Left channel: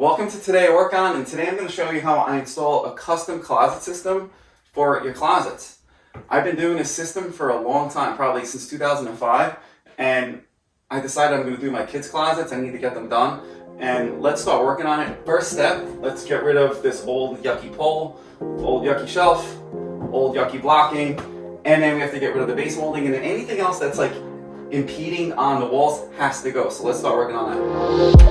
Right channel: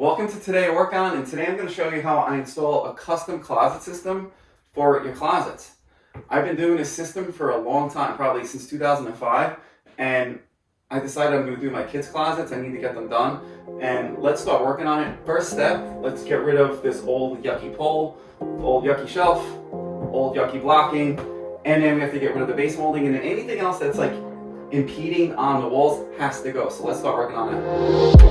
Welcome to TodayIWorkOn, and today I'm going to show you how I install a custom closet system for your closets. I've been doing this system for a long time, probably since 2005, and I decided I'm going to do my kids' closets. I need to get them done, and let's start working on it. First step, let's get rid of this old yucky pole, old yucky shelf, old yucky blocking, and then we have to get rid of the base molding, and anything else that's like impeding on the walls has to go. So let's start working on that.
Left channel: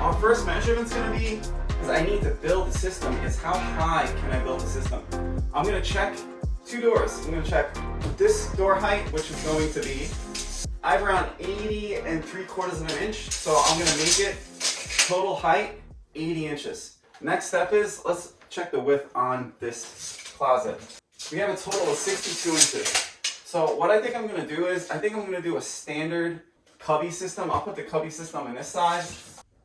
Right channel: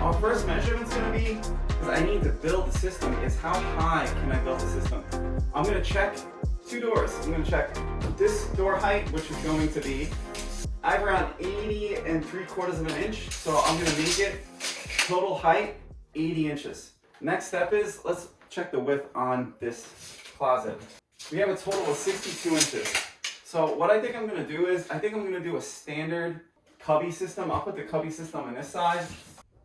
Our first measurement's going to be, because I need to build the system, is how high can I build the system. I'm going to check two doors. I'm going to check this door height, which is going to be, I have around 80 3/4 of an inch, so I'm going to make it total height 80 inches. Next step is, let's check the width on this closet. We have a total of 62 inches. So what I think I'm going to do is, I think I'm going to do a standard cubby system. I'll put the cubby system on this side.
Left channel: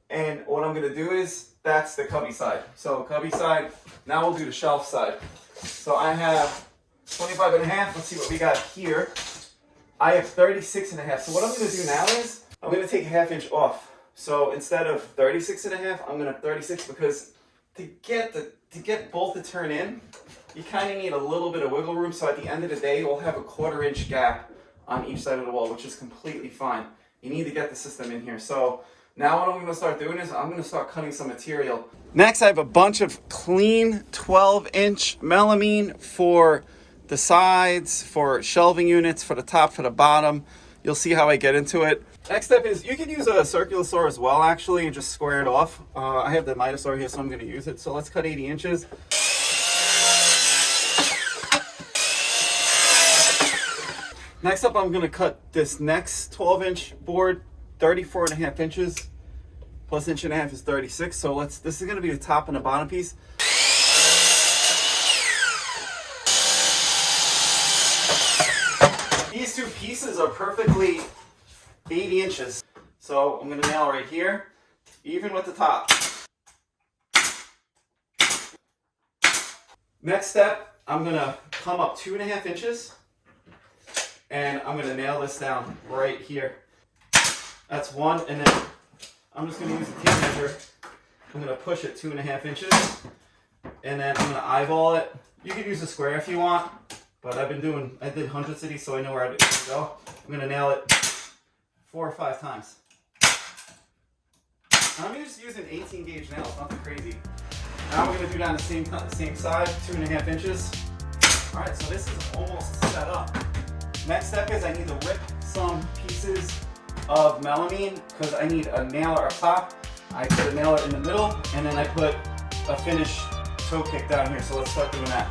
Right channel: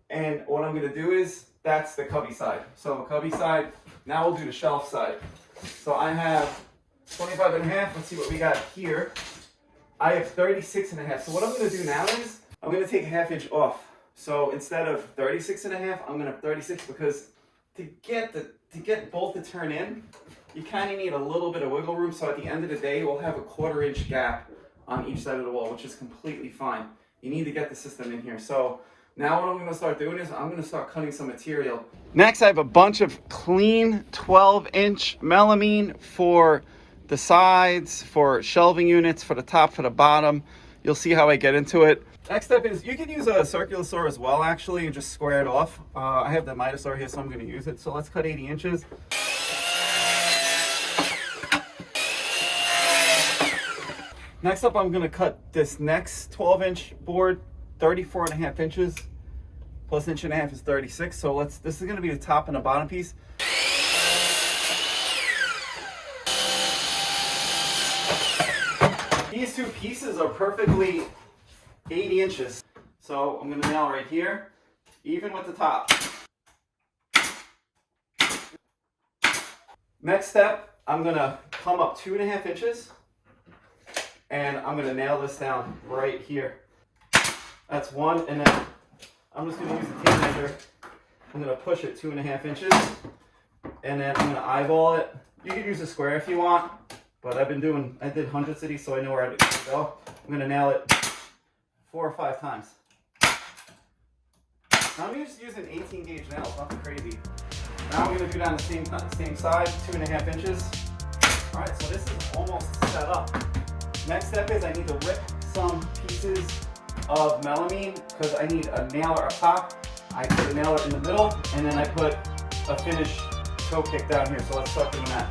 And what I'm going to do is, that's the cubby side. So cubby side, now we'll do the shelf side. So I have 25 and a half. Let's see what we got here. I have 36 and a half. So what I'm going to do now is, I'm going to take a ½ inch off. So instead of 36 and a half, I'm going to have 36, because to get both to turn in, you kind of need a little bit of wiggle room. So at the end of the day, we'll have a 1/4 inch gap on each side of the wall, which is completely fine. You need to get the system in here. So now what I'm going to start doing is I'm going to start cutting some material. Next, I have a bunch of clean 12-inch melamine for the sides, for shelving units, for the top, for the bottom. You'll see how I get into it. Next step is, you can use a circular saw as well, actually, and just square it off. I have the miter saw here, so I'm going to use it. So let's cut 80 inches. Next up, I'm going to cut this next 12-inch board, 34 and a half inches, plus 1.5 inches is 36. So this is going to be the top and the bottom piece. These two pieces are perfectly 80 inches. So I'm going to nail right here, even with the top. Next step, I'm going to come up 2.5 inches, and I'm going to nail this down right here. That's one, and then I'm just going to use the tape measure. I'm going to push it 2.5 inches, and then I'm going to eyeball it. You could use a square if you want, but I did hundreds of these, so I know where I to go. I'm going to nail it 4 or 5 times. Now I'm just using 18 gauge nails, nothing crazy. Now I'm going to do down the same side, 2.5 inches. All right, so this is almost set up. Next step is, I need to rip some pieces of melamine, because I need a nailer up top. I put a nailer in the middle, and then I put a finished toe kick down here. So let's start doing that.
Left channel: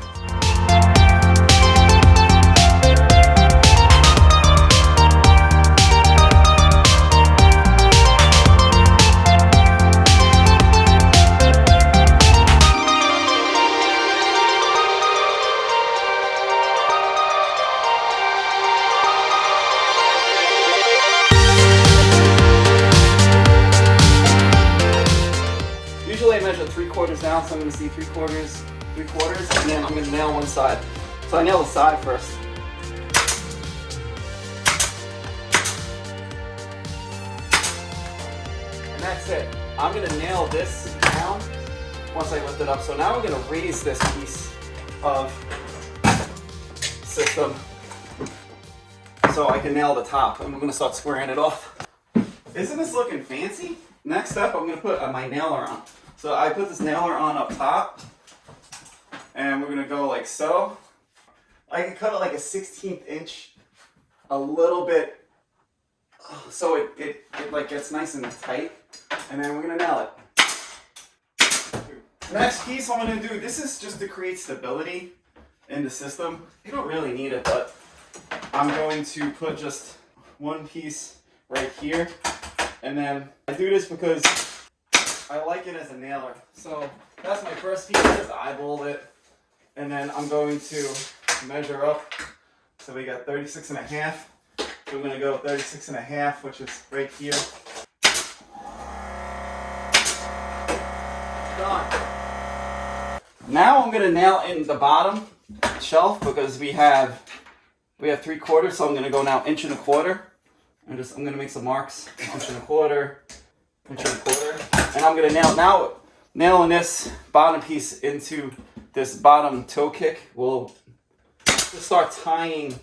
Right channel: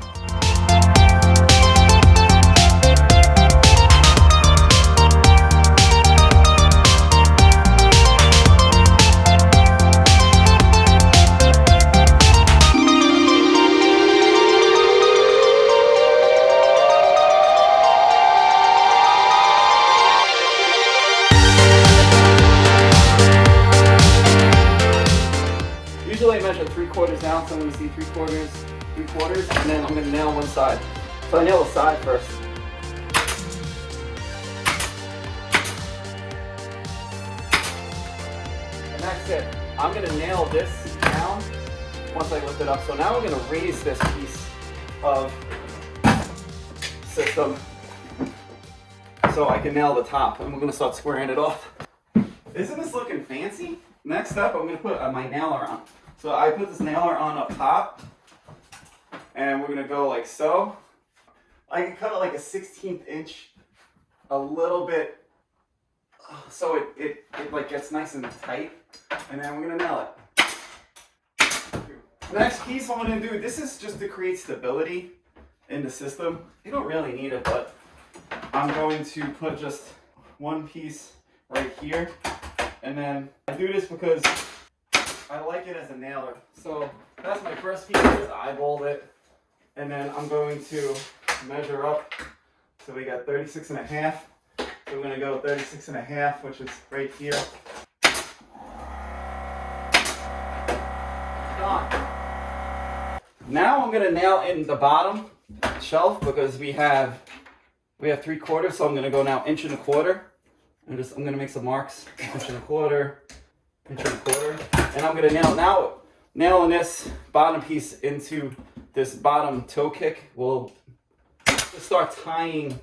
Usually I measure 3/4 down, so I'm going to see 3/4, and then I'm going to nail one side. So I nail the side first. And that's it. I'm going to nail this down once I lift it up. So now we're going to raise this piece of system so I can nail the top, and we're going to start squaring it off. Isn't this looking fancy? Next up, I'm going to put my nailer on. So I put this nailer on up top, and we're going to go like so. I can cut it like a 1/16 inch, a little bit, so it like gets nice and tight, and then we're going to nail it. Next piece I'm going to do, this is just to create stability in the system. You don't really need it, but I'm going to put just one piece right here. And then I do this because I like it as a nailer. So that's my first piece, is eyeballed it. And then I'm going to measure up. So we got 36.5. So we're gonna go 36.5, which is right here. Done. Now I'm gonna nail in the bottom shelf because we have 3/4, so I'm gonna go now 1.25 inches. I'm gonna make some marks, 1.25 inches, 1.25, and I'm gonna nailing this bottom piece into this bottom toe kick. We'll just start tying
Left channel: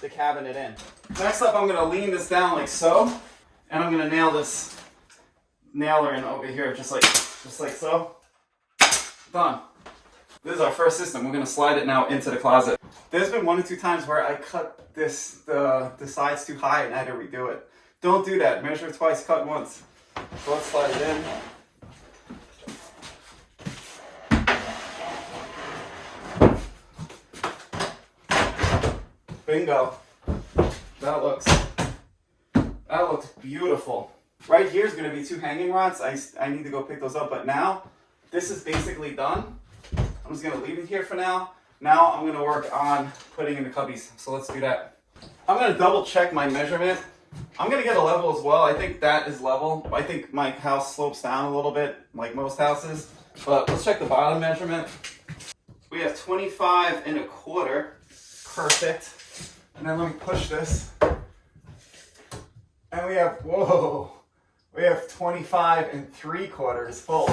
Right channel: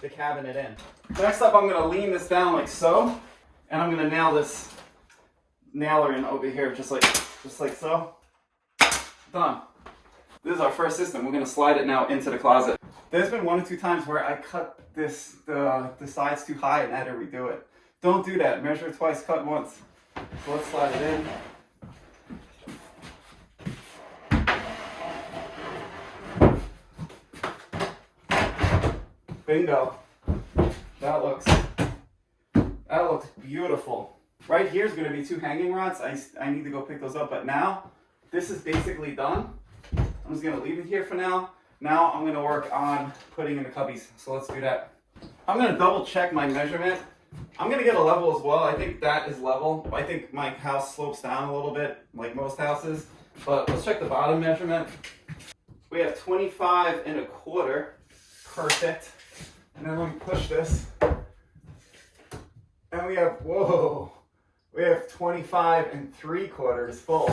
the cabinet in. Next up, I'm gonna lean this down like so, and I'm gonna nail this nailer in over here, just like so. Done. This is our first system. We're gonna slide it now into the closet. There's been 1 or 2 times where I cut the sides too high and I had to redo it. Don't do that. Measure twice, cut once. So let's slide it in. Bingo. That looks beautiful. Right here is going to be 2 hanging rods. I need to go pick those up, but now this is basically done. I'm just going to leave it here for now. Now I'm going to work on putting in the cubbies. So let's do that. I'm going to double check my measurement. I'm going to get a level as well. I think that is level. I think my house slopes down a little bit, like most houses. But let's check the bottom measurement. We have 25.25. Perfect. And then let me push this. And we have 25.75 full.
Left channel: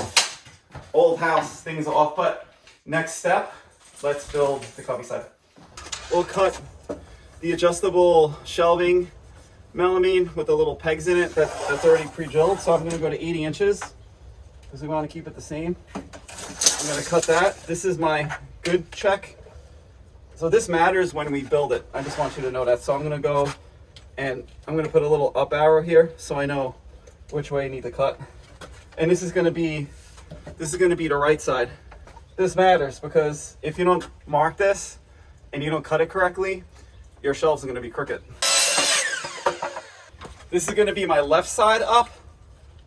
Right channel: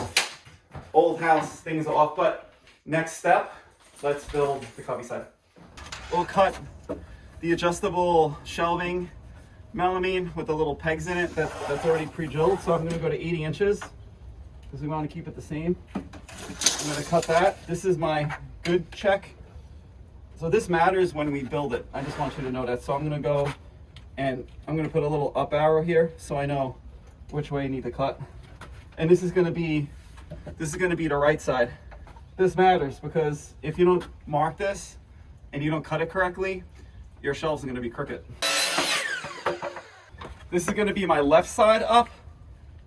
Old house, things off, but next step, let's build the cubby side. We'll cut the adjustable shelving melamine with the little pegs in it that's already pre-drilled. So I'm gonna go to 80 inches because we want to keep it the same. I'm gonna cut that. This is my good check. So this matters when we build it. I just want you to know that. So I'm gonna go and I'm gonna put a little up arrow here so I know which way you need to cut. And this is gonna be the right side. This matters because if you don't mark this and you don't cut it correctly, your shelves are gonna be crooked. This is gonna be my left side up.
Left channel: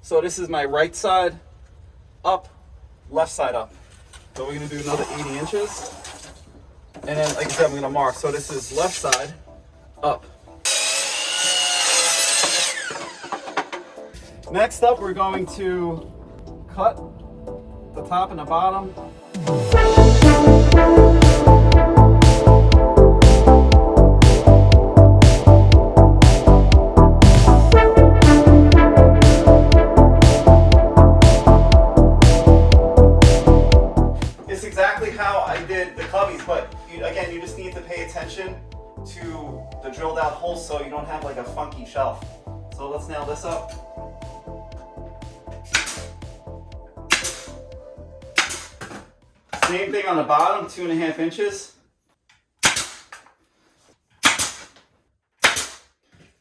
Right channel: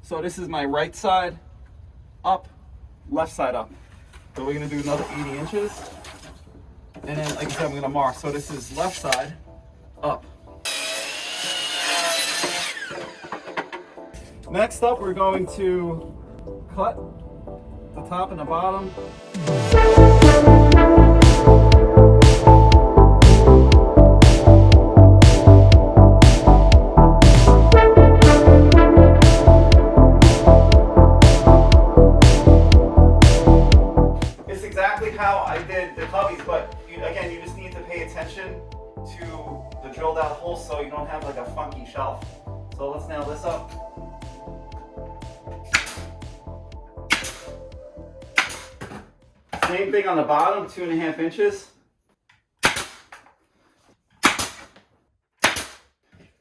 So this is my right side up, left side up. So we're gonna do another 80 inches. And like I said, I'm gonna mark. So this is left side up. Next up, we're going to cut the top and the bottom. It's exactly how I did the cubbies, but again, you just need to pay attention to the drilled out holes so you don't have like a funky shelf. So let's nail this up. Same thing on the bottom, 2.5 inches.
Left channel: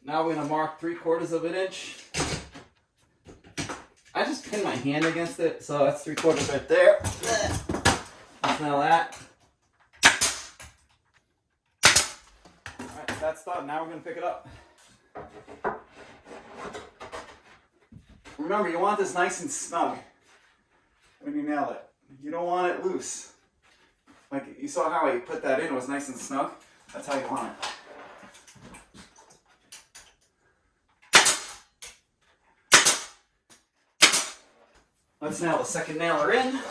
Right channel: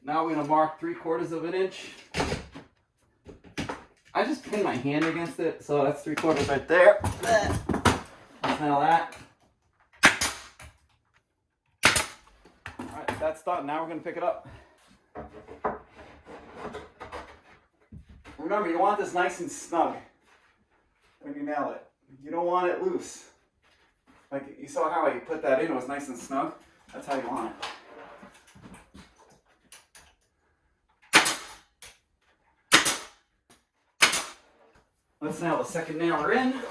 Now we're gonna mark 3/4 inch. I just pinned my hand against it, so that's 3/4 right there. Let's nail that. All right, that's done. Now we're gonna pick it up. Remember, you want this nice and snug when you nail it. You don't want it loose. Like you saw how I put that in, it was nice and snug. That's how you want it. Let's nail the second nailer in.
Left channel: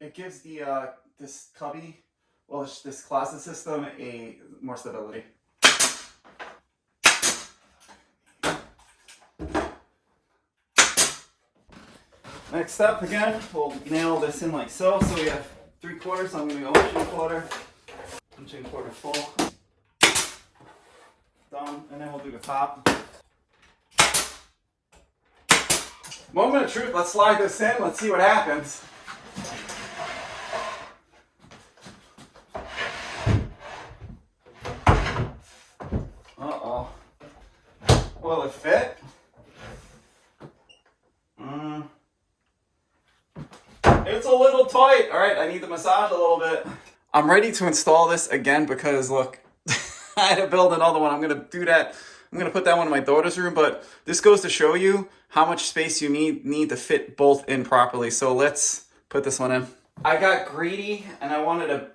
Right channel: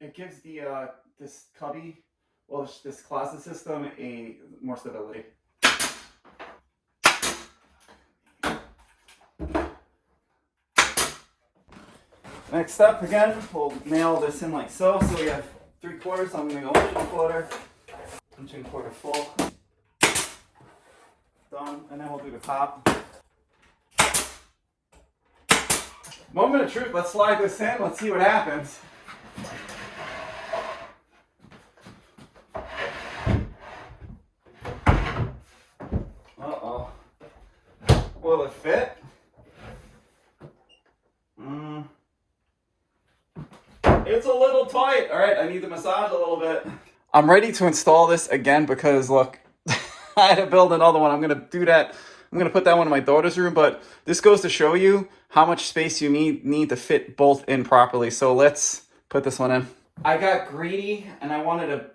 It gives the this cubby, well, this closet system more stability. Next up, again, we'll nail this in like so. So we have 3/4, so I'm going to go 1.25, 1.25 full. Done, and then we'll do the top. Moment of truth, let's slide this in, let's see what happens. Uh-oh. Will it fit? It's a little tight. All right, I need to massage a little bit. I'm ready to install this again because look, I had to build another one. I'm going to do that. I'm going to put that one in my daughter's room, but this goes to show you how much space you need to fit both in properly. So let's put this one in. I got greedy and I wanted to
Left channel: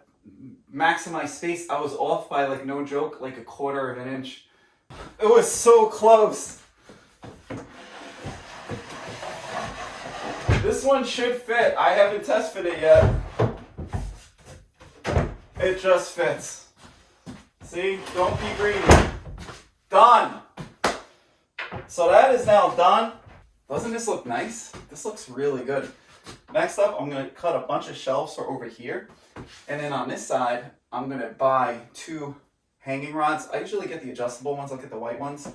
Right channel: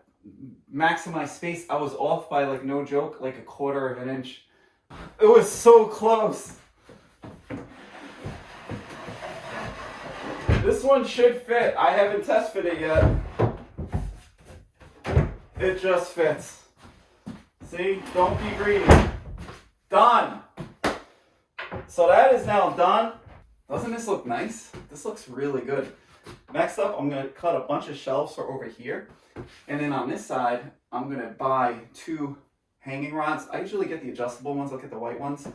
maximize space. I was off by, like, no joke, like 1/4 of an inch. It was so close. This one should fit. I haven't test fit it yet. It just fits. See, don't be greedy. Done. So that is now done. Doesn't this look nice? This looks really good. Next up, I'm going to cut a bunch of shelves for over here. And then on this side, I'm going to buy 2 hanging rods. I usually get the adjustable ones. I'll get the white ones.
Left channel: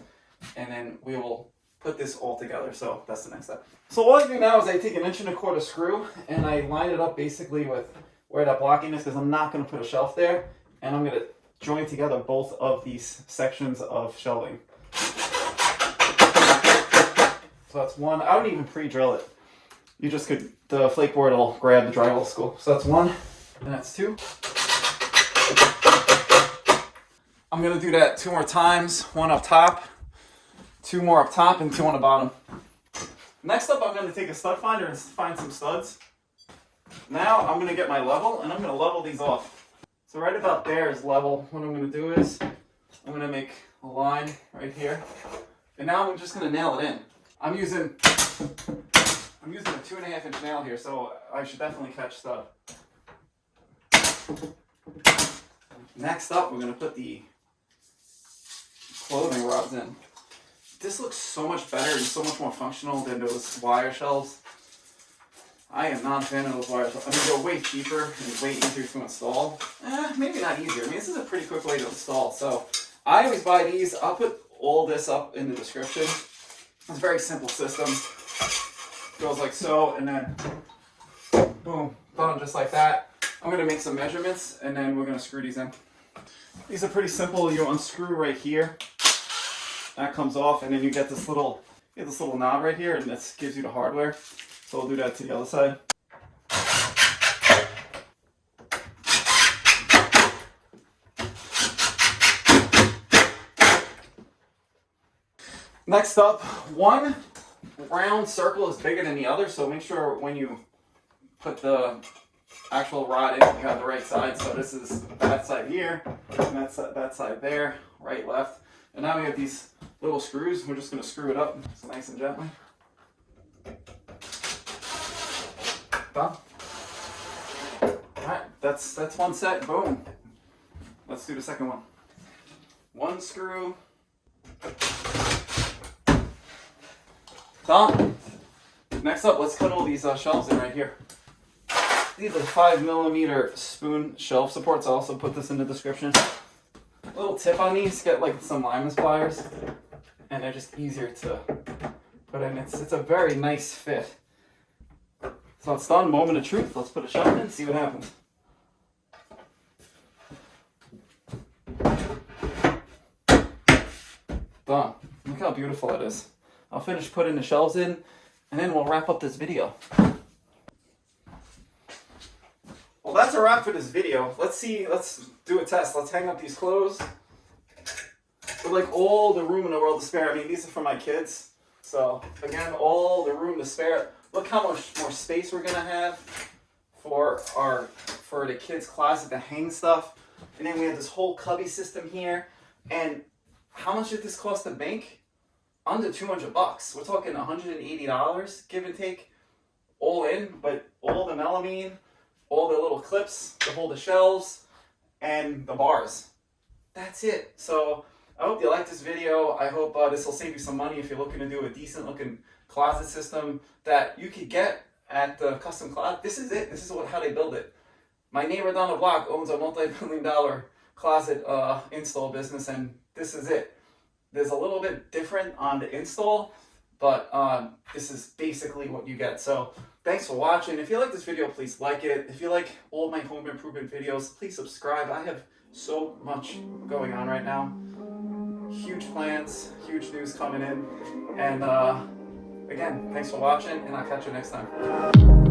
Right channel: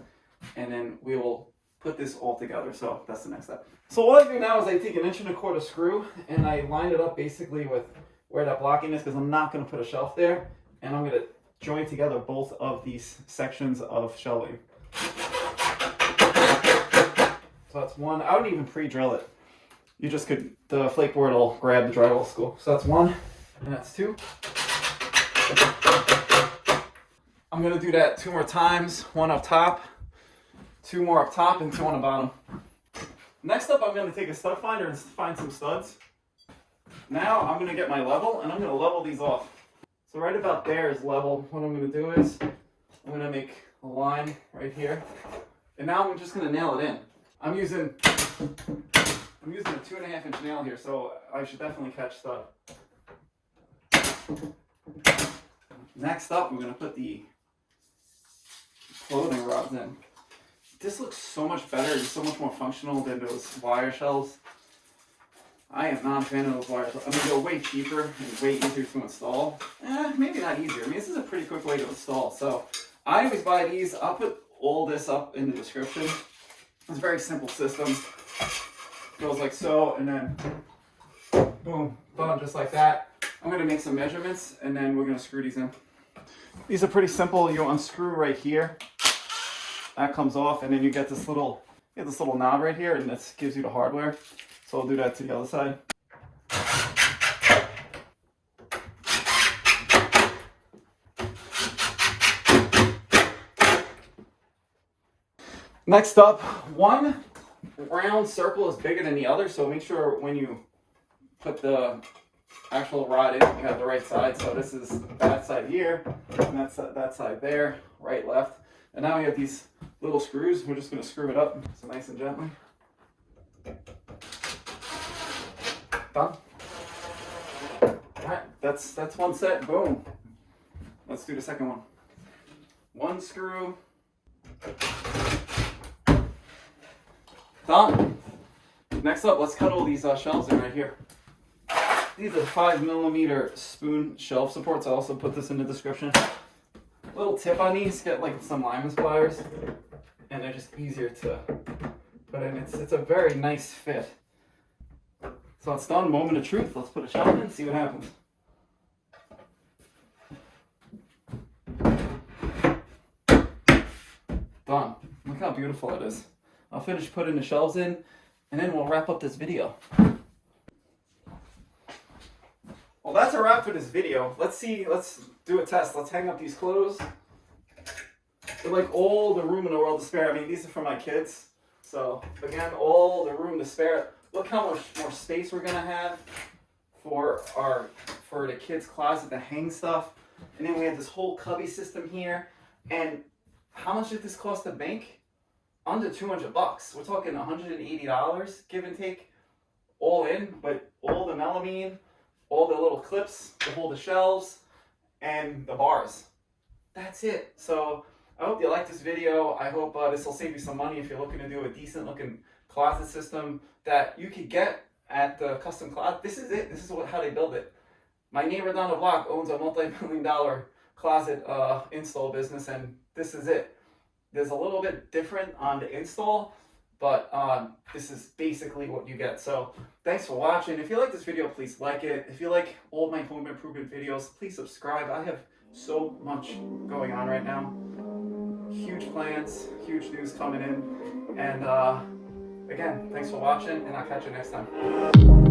And then we will put this all together. So that's the next step. So what I do now is I take an 1¼ inch screw and I line it up basically with where that blocking is, because I'm not going to put a shelf there. And I'm going to join together both of these sections of shelving. So that's one. I don't even pre-drill it. You just could, the flake board will grab the drywall school. So that's 1, and that's 2. I'm gonna do that 2 more times. 1 up top, 2 more up top, and 2 on the bottom. Next up, I'm gonna take a stud finder and find some studs. Now I'm gonna get my level, and I'm gonna level these off. So right about there is level. What I'm gonna do is, I'm gonna make a line right here. And now I'm just gonna nail it in. I'm using a 2½ inch nail here, so I should definitely catch stud. Next up, we're going to put the clothing rods in. This looks so much better and so much more functional than those wire shelves. I am not a fan of those wire shelves. I mean, they're way cheaper and way easier to install. Maybe not easier. I mean, this is a pretty quick way to install. So I always buy these. I'll put all this up in the description. It's a very simple system. Goes like so, and then boom, done just like that. I'm gonna make some measurements, and then we're gonna screw these in. These are pretty simple. You unscrew right here. That comes off, and then you get this little knob right here, and this gives you the hardware. So I'll do that to the other side. Next up, one round circle is bigger than the other, so make sure when you put the actual rod in, you have the right side. So this is that side here, and that's that side there, right, left. And now we have these little screws. We're just going to screw it up so nice and gently. Done. Alright, that's one set. Boom. Let's do the second one. One screw. Done. Next up, let's cut all these shelves in right here. These are 5mm spoon shelf supports. I'll also put this in the description. A little tip on these, get like some limeless pliers, and they're just easier to put in. It's a very nice fit. So it's done. Moment of truth. Let's put a shelf in and see what happens. Done. Look how beautiful it is. I'll finish putting the shelves in, and then we'll wrap up this video. Well, that's a wrap for this video. Let's do a test. Let's hang up these clothes. With like all the room in the world to spare. I mean, these are for my kids. So again, all the room to spare. Look how much more space we're gonna have for the kids' closet to hang stuff. And then we have this whole cubby system here. And how much did this cost to make? Under $200. We're talking $180, give and take, all in. But all the melamine, all the little clips to hold the shelves, and the bars. That's it. So I hope you like this video. I hope this will save you some money if you're looking to do a decent looking closet system that you could get at the custom closet. This is it. This is how they build it. My neighbor down the block owns a multi-million-dollar closet install business, and this is it. There's a little bit different on the install, but this is basically what you get. So thanks for watching. If you like this video, please like it. If you like all my home improvement videos, please subscribe. I have so much going on right now. Huge plans, huge news coming in. And again, thanks for watching, and I'll catch you next time.